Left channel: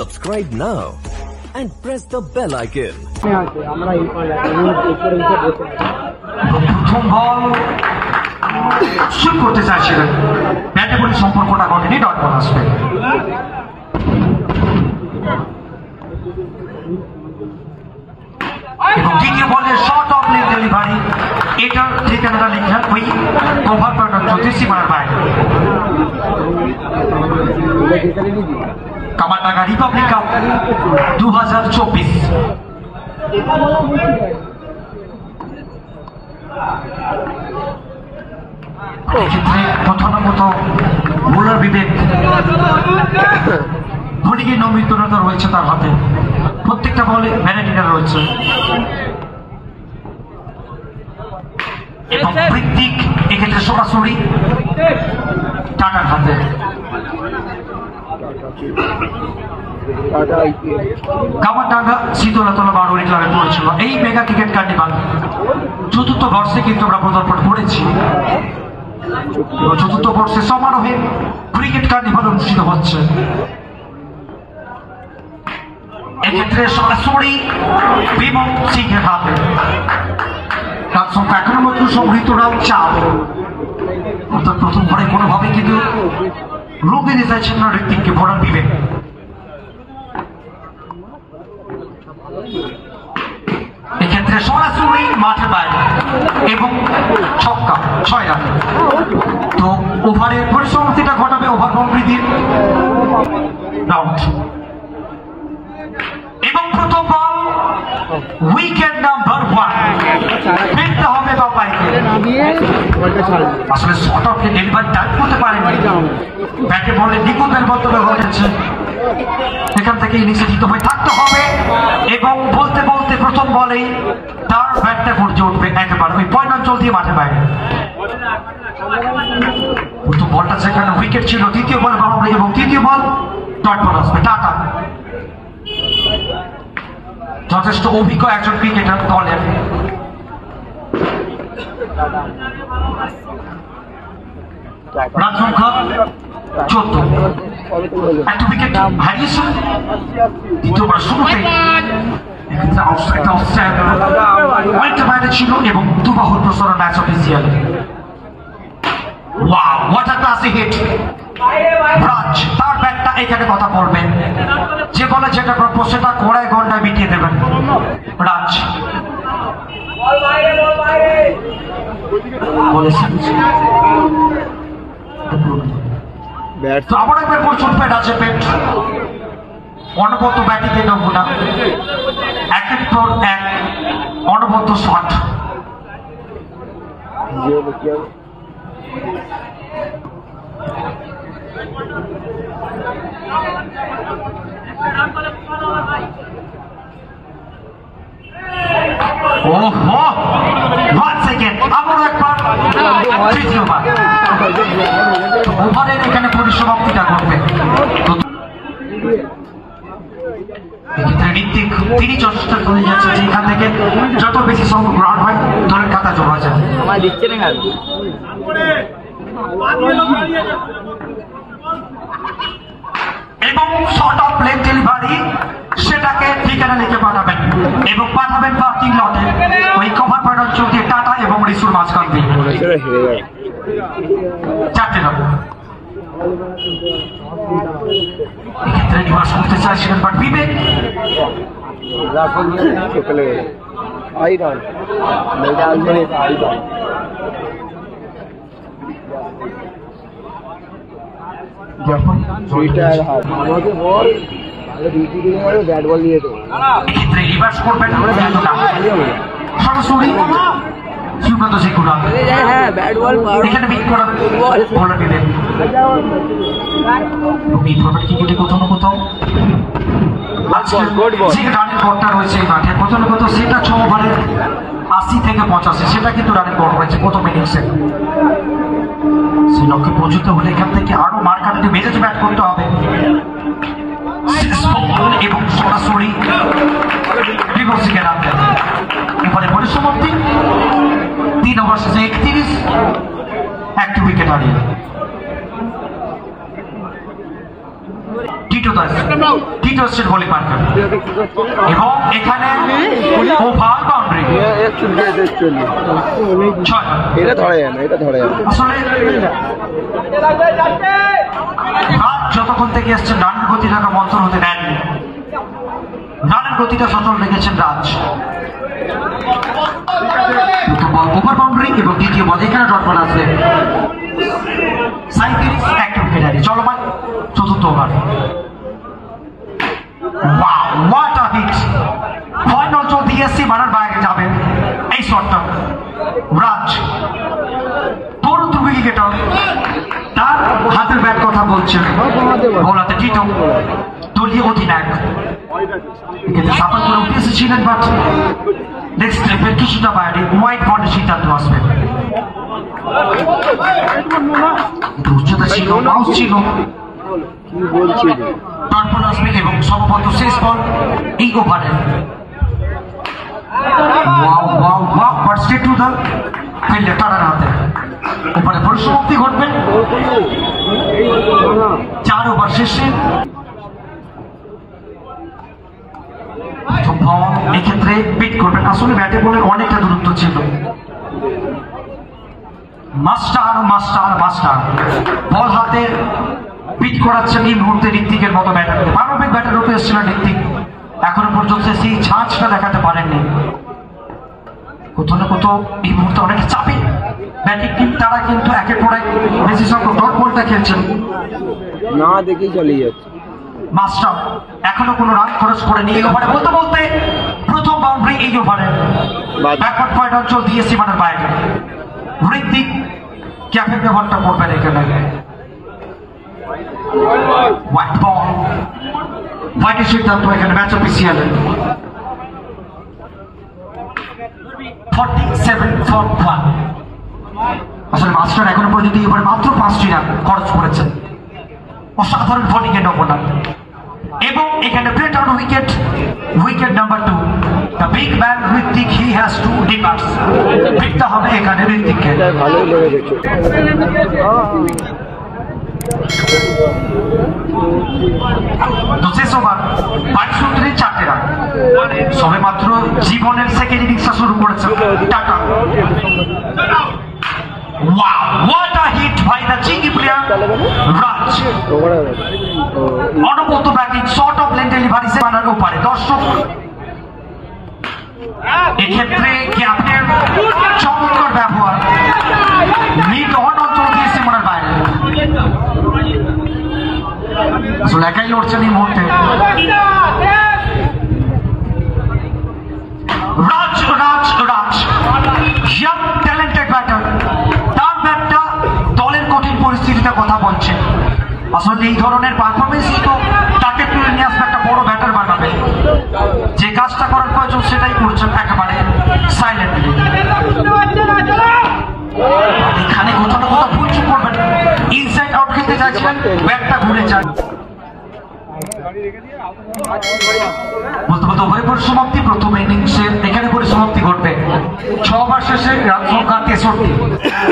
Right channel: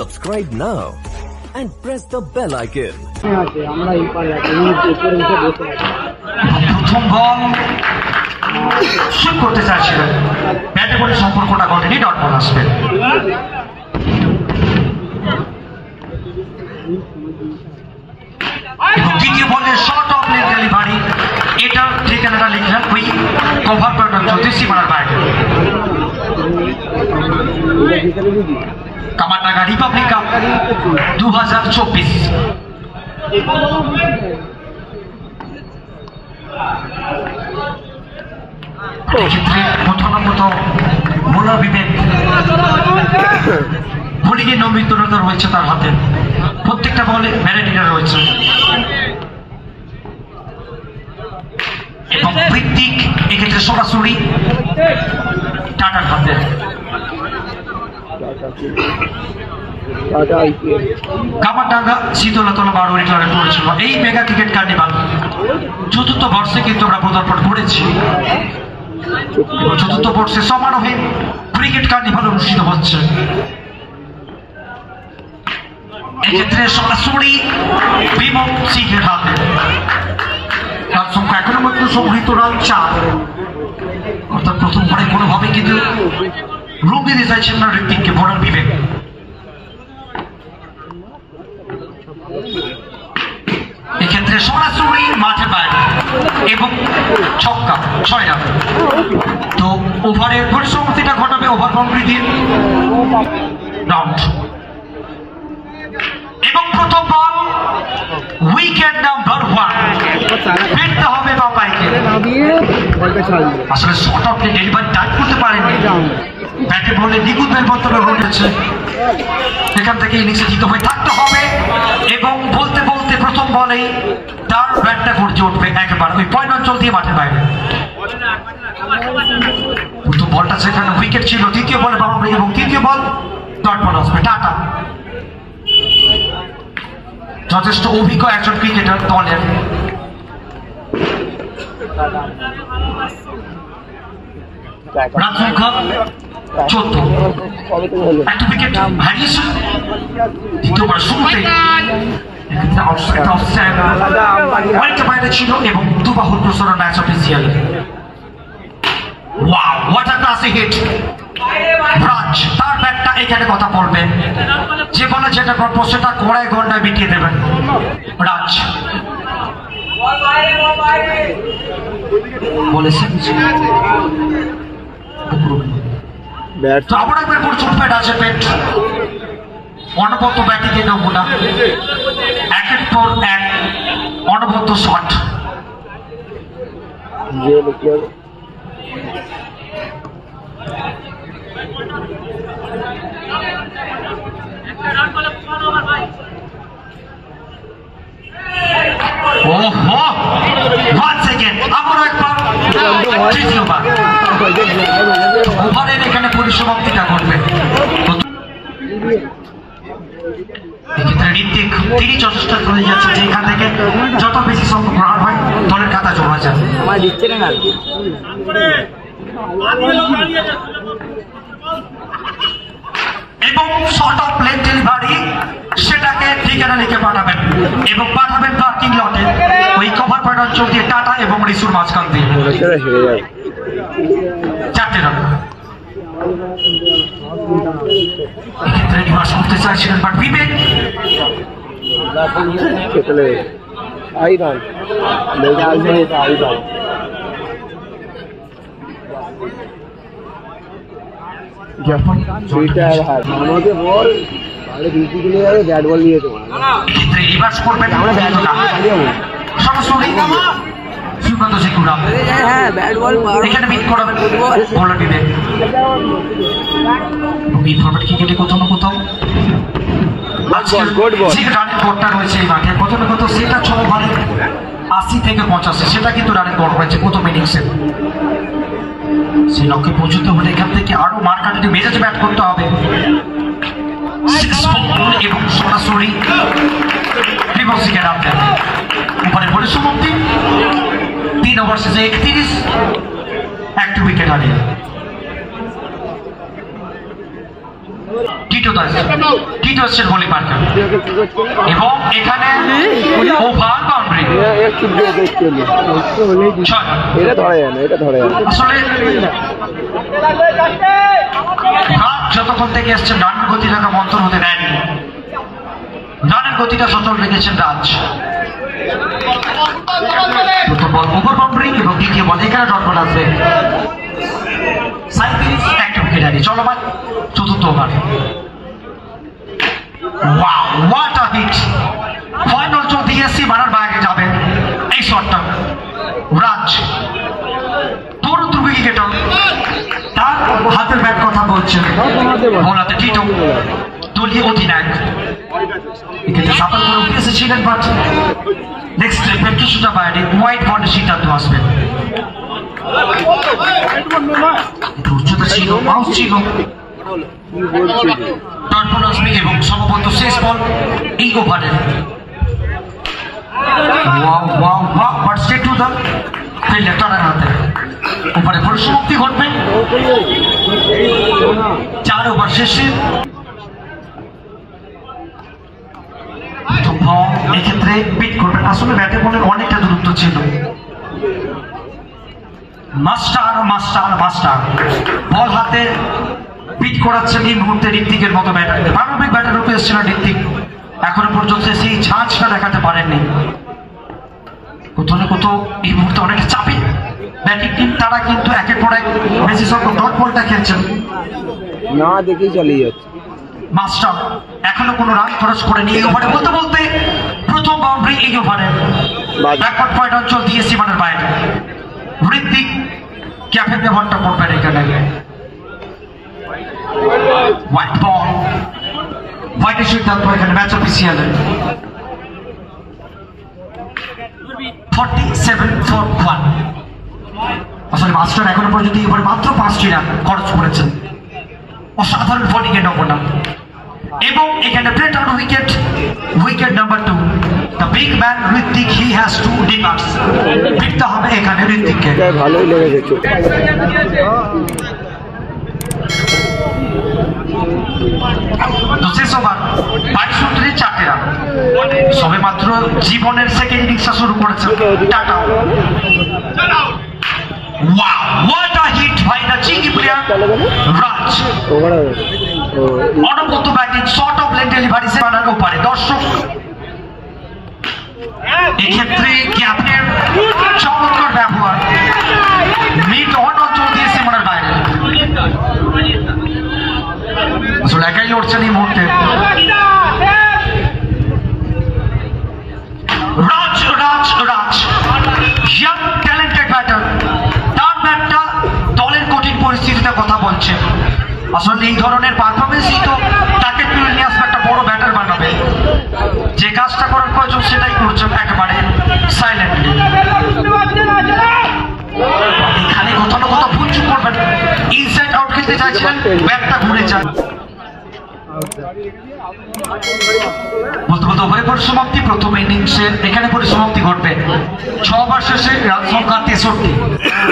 Subscribe now and press the bell icon. প্রথম বল shoot করতে চাইছিলেন, ব্যাটে বলে সম্পর্কটা ঘটেনি, ডট বল আসবে। এবং দ্বিতীয় বলে শর্ট অফ লেগ ডেলিভারি, এটা ঠিকানাটা লিখলেন ওই কভার করার জন্য সীমানার বাইরে। Kamardanga Republic cup 2024। এক্ষেত্রে কোথাও না কোথাও মূল্য বিবেক বোলিংয়ের নৈপুণ্যতা রয়েছে তার হাতে, প্রত্যেকটা বলে ভ্যারাইটিটা রয়েছে। এবং বৃত্তিক এক্ষেত্রে সরাসরি টাটার হাতে। কামারডাঙ্গা শীতলতলা বারোয়ারি ক্লাবে পড়েছিল এই মেগা ক্রিকেট কার্নিভাল। চতুর্থ বর্ষে কিন্তু আমরা পদার্পণ করেছি এবং চতুর্থ বর্ষে সমারোহে ক্রিকেট কার্নিভাল অনুষ্ঠিত হচ্ছে। এক্ষেত্রে সরাসরি বিমল সিংহের হাতে। তার সংখ্যা এখনো মাত্র সংগৃহীত রান 4। অর্থাৎ প্রথম পরে কোনোভাবে কিন্তু রূপ দিতে চাইছেন না ঋত্বিককে বোলার বিবেক। এক্ষেত্রে সরাসরি মাঠের বাইরে এবং ছক্কা 6 রান। তো ওভারের পরিসমাপ্তিটা ঘটাবে ওভার বাউন্ডারির রাউন্ড। এবং প্রথম বল উইকেট নাম্বার 1, ফিরতে হবে বাবাইকে। আসলে শর্ট অফ ডেলিভারি টাইট করতে পারেনি, ব্যাটে বলে নিখুঁত মন্তব্য ঘটেছে। এখান থেকে ইনিংসে জিতে হয়ে থাকতে হবে এবং বলতে বলতে প্রথম বলেই তার ব্যাটটা গর্জে উঠবে একেবারে ওই পয়েন্ট অঞ্চল দিয়ে মাঠের বাইরে। প্রথম বলটা সেখানে উইকেট ছিল, দ্বিতীয় বলে বাউন্ডারি এবং তৃতীয় বল ডট বল আসবে। টাটা যথেষ্ট অভিজ্ঞ একজন ক্রিকেটার দলের। রান সংখ্যা 14, একটা উইকেট হারিয়েছে দ্বিতীয়বার শুরুতেই। ছিল এবং দুবাহুর প্রসারণ match official. Wow, what a classy hit. Raj তার ব্যাটটা এখানে কথা বলবেন, যে বলে যেটা প্রাপ্য সেটা ঘোড়ায় গন্ডায় মিটিয়ে দেবেন রাজ। বলেছেন তো আবার একবার প্রচুর প্যাট আছে, পেট অনবদ্য ব্যাটিংয়ে নমুনা, একের পর এক অনবদ্য শট। ওহো, once again আবারও একবার তৃতীয়বার ওভারের এখানে পরিসমাপ্তিটা করবে। এক্ষেত্রে ঋত্বিক তিনি যথেষ্ট চলে যাচ্ছে যে এখান থেকে যত বেশি সংখ্যক রান হয় দলের খাতা জমা যায়। এবং শর্ট অফ লেগ ডেলিভারি সেটাকে ঠিকানা লিখে পাঠাবেন এবং পাঠাবেন পার্কিং লটে ওই কভার পয়েন্ট অঞ্চল দিয়ে টাটা এবং রিসুর মাঝখান দিয়ে। 4টে রান। এক্ষেত্রে নিবাস করতে চাইছিলেন বাট বিবেক রিভার্স করবেন সরাসরি সুব্রত সিকুড়া এখানে বিট করাবেন বোলার বিবেক। এই ফরম্যাট ক্রিকেটে কোথাও না কোথাও আজকের যে রানের গড়টা রয়েছে এই মাঠে কোথাও না কোথাও সেটা 6 ওভারে 80 থেকে 85, সেটা কিন্তু রানের গড় রয়েছে প্রথম ইনিংসে। সেই লক্ষ্যে পৌঁছতে হলে এখান থেকে আরো মার্কাটে মেজাজে ব্যাট করতে হবে এবং সরাসরি বিভক্সিকে রাখতেন। উপরে পরিসমাপ্তি 3 ওভার শেষে 31, একটি উইকেট হারিয়ে। টিটো এসছেন বলি পার্কার এবং এখানে ওভার বাউন্ডারি আসলে যতক্ষণ থেকে এসছেন রানের গতি থাকা মন্থর হতে দেননি, রানের গতিটা সচল রেখেছেন রাজ। প্রথম বল ওভার বাউন্ডারি এবং দ্বিতীয় বল এখানে ডট বল আছে একটা উইকেট হারিয়ে চলমান চতুর্থ over. Wow, what a hit! Final চলতে এসছি মারার বাইরে যাবে এই শটটা। রাজ তরুণ উইকেটার, তার হাতের ব্যাট কথা বলছেন বোলাতে টিটো দলীয় অধিনায়ক। এক্ষেত্রে সাফল করে উঠে এসেছিলেন বাট নেক্সট ট্রিপে কিছুটা বাইরে হোয়াইট বলের সিদ্ধান্ত আসবে। উচ্চতা ছিল, বাউন্স ছিল, তারপর আসবে এবং সম্ভবত শেষ বল এই ওভারের। ওভারে পরিসমাপ্তি ঘটবে 4 ওভার শেষে। এক্ষেত্রে পিট করবেন, আসলে ব্যাটে বলের অনেকটা দূরত্ব ছিল। মাস্টার মাস্টার মাস্টার বল হাতে পিট করাচ্ছেন এই মুহূর্তে ঋত্বিকের মতো ব্যাটারকে। পারমিক ব্যাটার রূপে এসেছিলেন ঋত্বিক, এখনো পর্যন্ত সেই ঝাঁঝটা দেখাতে পারেননি। কোথাও না কোথাও এই মুহূর্তে অনেকটা চাপে ব্যাটিং টিম, তারা কিন্তু একের পর এক বেশি সংখ্যক ডট বলটা খেলছেন না দেখেই চালিয়ে যাচ্ছে। মাস্টার এখনো কোনো রান খরচ করেনি এই ওভারে, বলতে বলতে প্রথম বাউন্ডারি এই ওভারে। ব্যাকওয়ার্ড পয়েন্ট অঞ্চল দিয়ে সীমানার বাইরে ঋত্বিক ক্যাপের ব্যবহারটা করবেন এখানে। হোয়াইট বল, হোয়াইটের সিদ্ধান্ত এখানে ম্যাচ অফিসিয়াল। 47-1। আসলে মাস্টার এখনো পর্যন্ত এবার মাত্র 5টি রান খরচ করেছেন। অসাধারণ বোলিং এর নমুনা এবং এখানে Brett out wicket number 2। The big man Ritwik, he has to departs. ফিরতে হবে এখানে ঋত্বিককে। ভালোই লেগেছে। তো শেষ ওভার 22 উইকেটে 4টে রান। সবে মাত্র জীবনের সেকেন্ড ইনিংসটা শুরু করেছেন tata. Wow, what a hit by the cheeky player Raj. অনবদ্য batting, short of length delivery সেমানার ওপারে দর্শক। এক্ষেত্রে ক্যাপ্টেন চমৎকার ব্যবহার, মিড অন অঞ্চল দিয়ে সেমানার বাইরে। আসলে একাই লড়ছেন এই মুহূর্তে রাজ। Raj Raj young talented batter, তার ব্যাটটা দলের কঠিন পরিস্থিতিতে কথা বলছে। আসলে এই ধরনের পারফরমেন্সই তো তাকে তুলে নিয়ে আসবে, একটা বড় ব্যাটার বানাবে। যে কাজটা করার প্রয়োজন সেটাই করছেন একেবারে সাইলেন্টলি। এখানে কোথাও না কোথাও ভুল চুপ করবেন, ইনসাইড আউট খেলতে চাইছিলেন, ব্যাটটা ঘুরে যায়। বলতে বলতে উভয় পরিসমাপ্তি প্রথম ইনিংসের এখানে পরিসমাপ্তি ঘটবে। 6 ওভার শেষে রান সংখ্যা 63,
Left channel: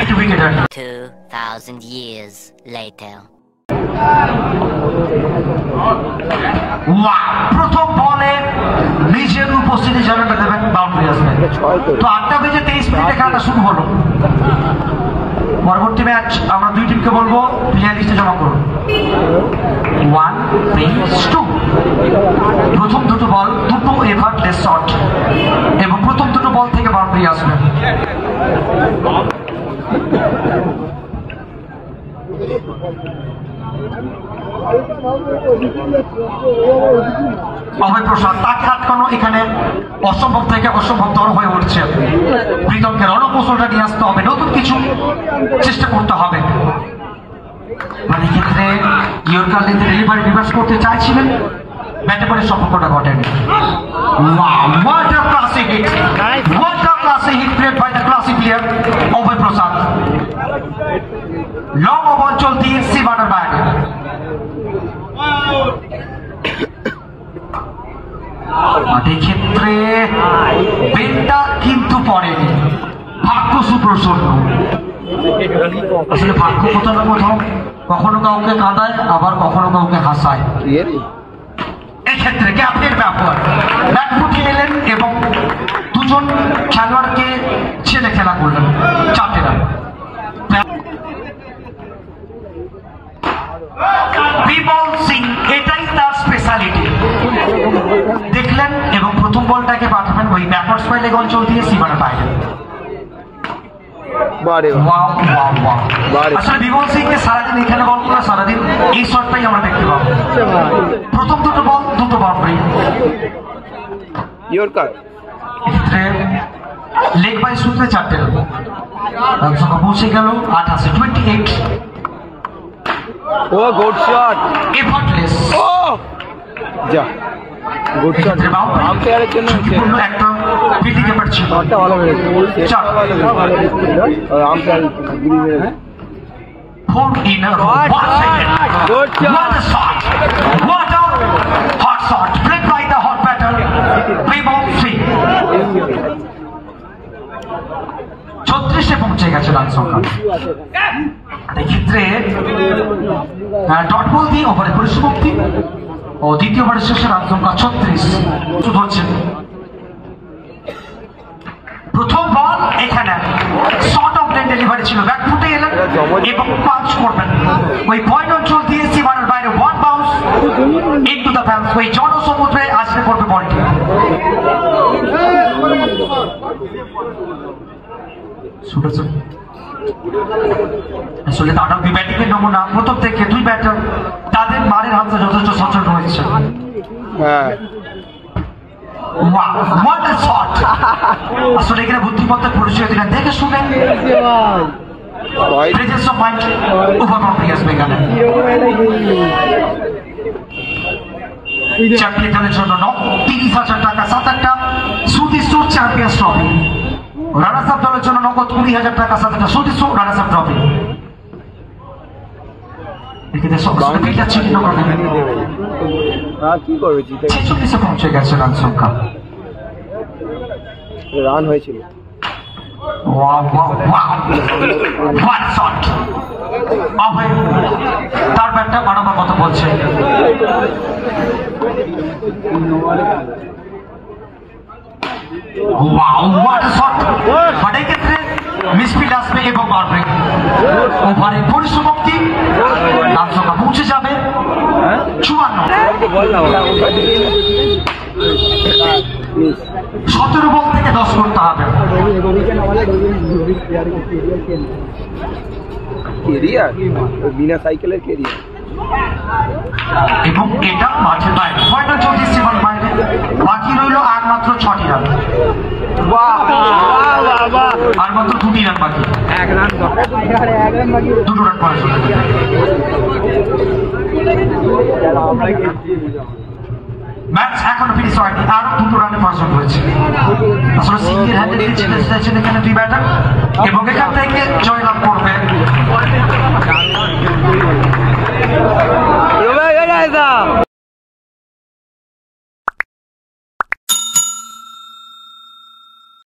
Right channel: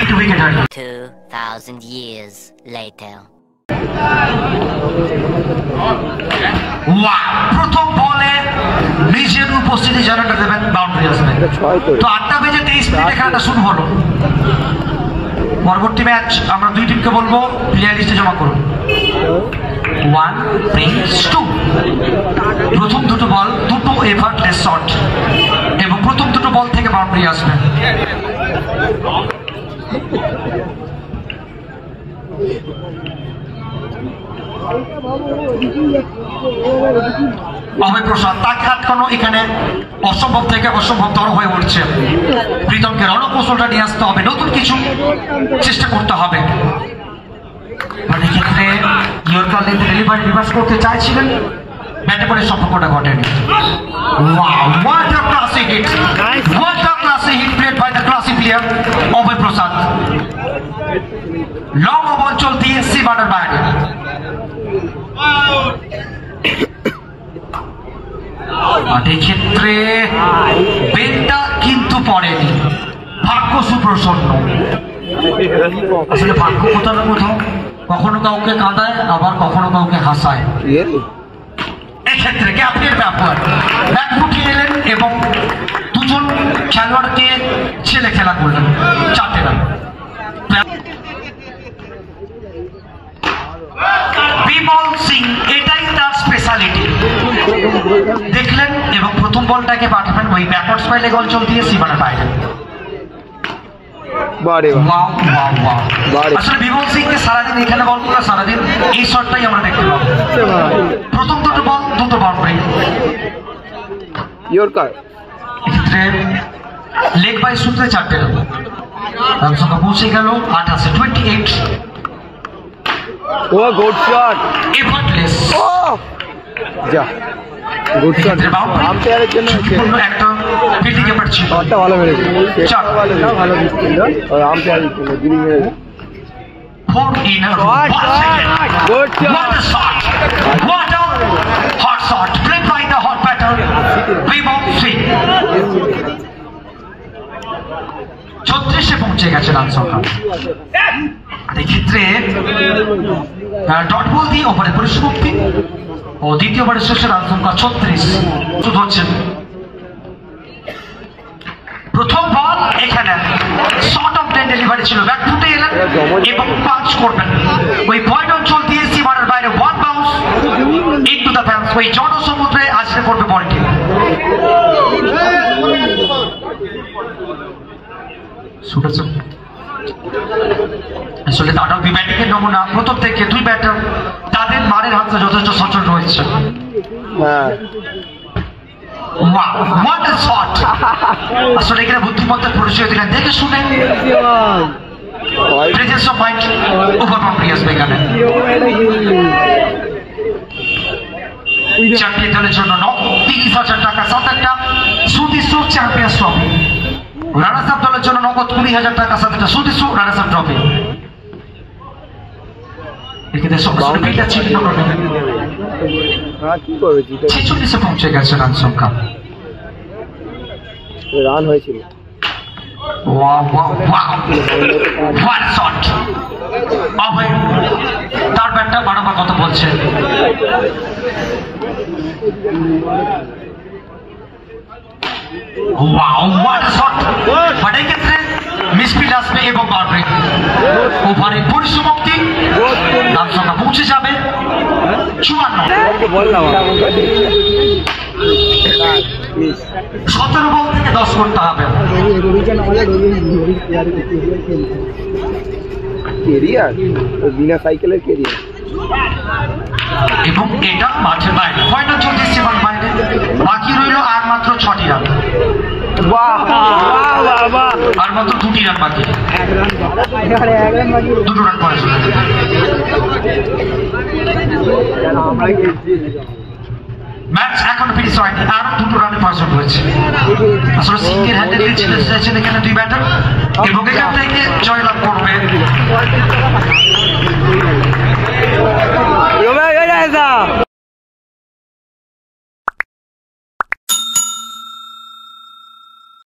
8 উইকেট হারিয়ে। 2000 years later. প্রথম বলে নিজের উপস্থিতি জানাটা দেবেন, বাউন্ডারি আসবে। তো 8টা বেজে 23 মিনিটে খেলাটা শুরু হলো। পরবর্তী ম্যাচ আমরা দুই টিমকে বলবো প্লেয়ার লিস্টে জমা করুন। 1 brings 2। প্রথম দুটো বল দুটো এফার্টলেস শট এবং প্রথম দুটো বল থেকে বাউন্ডারি আসবে। অভয় প্রসাদ, তাকে আটকানো এখানে অসম্ভব থেকে অসম্ভবতর হয়ে উঠছে। প্রীতমকে রণকৌশলটা নিয়ে আসতে হবে, নতুন কিছু চেষ্টা করতে হবে। মানে ক্ষেত্রে ইয়র্কার লেন্থে ডেলিভারি রিভার্স করতে চাইছিলেন, ব্যাটে বলের সম্পর্কটা ঘটেনি। What a classy hit! What a classy hit played by the classy player Abhay Prasad. Long ball চলতি সীমানার বাইরে। ক্ষেত্রে বেলটা কিন্তু পড়েনি, ভাগ্য সুপ্রসন্ন। আসলে ভাগ্য কোথাও না কোথাও কখনো কাউকে কাঁদায়, আবার কখনো কাউকে হাসায়। এক্ষেত্রে গ্যাপের ব্যাপার, ব্যাট ফুটিয়ে এলেন এবং দুজন খেলোয়াড়কে ছেলে খেলা করলেন, 4টে রান। বিমল সিং এটাই তার স্পেশালিটি। দেখলেন এবং প্রথম বলটাকে পাঠাবেন ওই ব্যাকওয়ার্ড স্পাইলে অঞ্চল দিয়ে সীমানার বাইরে। আসলে বিমল সিং কে সারাদিন এখানে বল করে সারাদিন এই শটটাই আমরা দেখতে পাবো। প্রথম দুটো বল, দুটো বাউন্ডারি। এক্ষেত্রে লেগ বাই সূত্রে 4টে রান। রান সংখ্যা পৌঁছে গেল 28, 28। ও গুড শট, এফর্টলেস। যা গুড শট। এক্ষেত্রে বাউন্ডারি, আম্পায়ারের জন্য সম্পূর্ণ একটা ফিল্ডিং এফর্ট ছিল। ভালো মেরেছে, চার। ভালো ছিল। আম্পায়ারের জন্য গিরি মেরেছে। 4 in a row. Once again. Good shot. What a shot! What a hot shot! Played by the hot batter, Bimal Singh. 36-এ পৌঁছে গেছে রান সংখ্যা। এক্ষেত্রে ডট বল দিয়ে ওভারে পরিসমাপ্তি ও দ্বিতীয় ওভারের শেষে রান সংখ্যা 36 শুধু হচ্ছে। প্রথম বল এখানে শর্ট অফ লেন ডেলিভারি ছিল, ব্যাট ফুটে এলেন এবং পাঞ্চ করবেন ওই পয়েন্ট অঞ্চল দিয়ে সীমানার বাইরে। 1 বাউন্স ইনটু দ্য ফ্যান্স, ওই জনসমুদ্রে আছড়ে পড়বে বলটি। আসলে তারাও দুই ব্যাটিং এর নমুনা। প্রথম থেকে দুই ব্যাটার তাদের মারের হাতে যথেষ্ট সচল রয়েছে। What a shot! আসলে এখানে বুদ্ধিমত্তার পরিচয় দিলেন, দেখে শুনে presence of mind over boundary আসবে এখানে। চ্যাম্পিয়ন দলের জন্য 30,000 টাকা, 7টা সুদিসু চ্যাম্পিয়ন্স ট্রফি। রানার্স আপ দলের জন্য নগদ 20,000 টাকা, 7টা সুদিসু রানার্স আপ ট্রফি। এক্ষেত্রে 46-এ পৌঁছে গেছে রান সংখ্যা। রান হয়েছিল। তার ব্যাটটা বাড়াবার কথা বলছে। ক্ষেত্রে মিসফিল্ড আসবে এবং বাউন্ডারি। ওভারে পরিসমাপ্তি, রান সংখ্যা পৌঁছে যাবে 54। 17 বল থেকে 10 করতে হবে। বিনা সাইকেলের কেরিয়ার এবং এটা মাঠের বাইরে, পয়েন্ট চলছে সীমার বাইরে। বাকি রইল আর মাত্র 6টি রান, আর মাত্র 2টি রান বাকি। 2 রান পরে চলে যাবে। ম্যাচ এখনো ফিনিশ হয়নি, আরো 2 রানের প্রয়োজন রয়েছে। আসলে সিঙ্গেল হ্যান্ডেড চাইছেন এখানে দুই ব্যাটার এবং এখান থেকে জয়লাভ করবে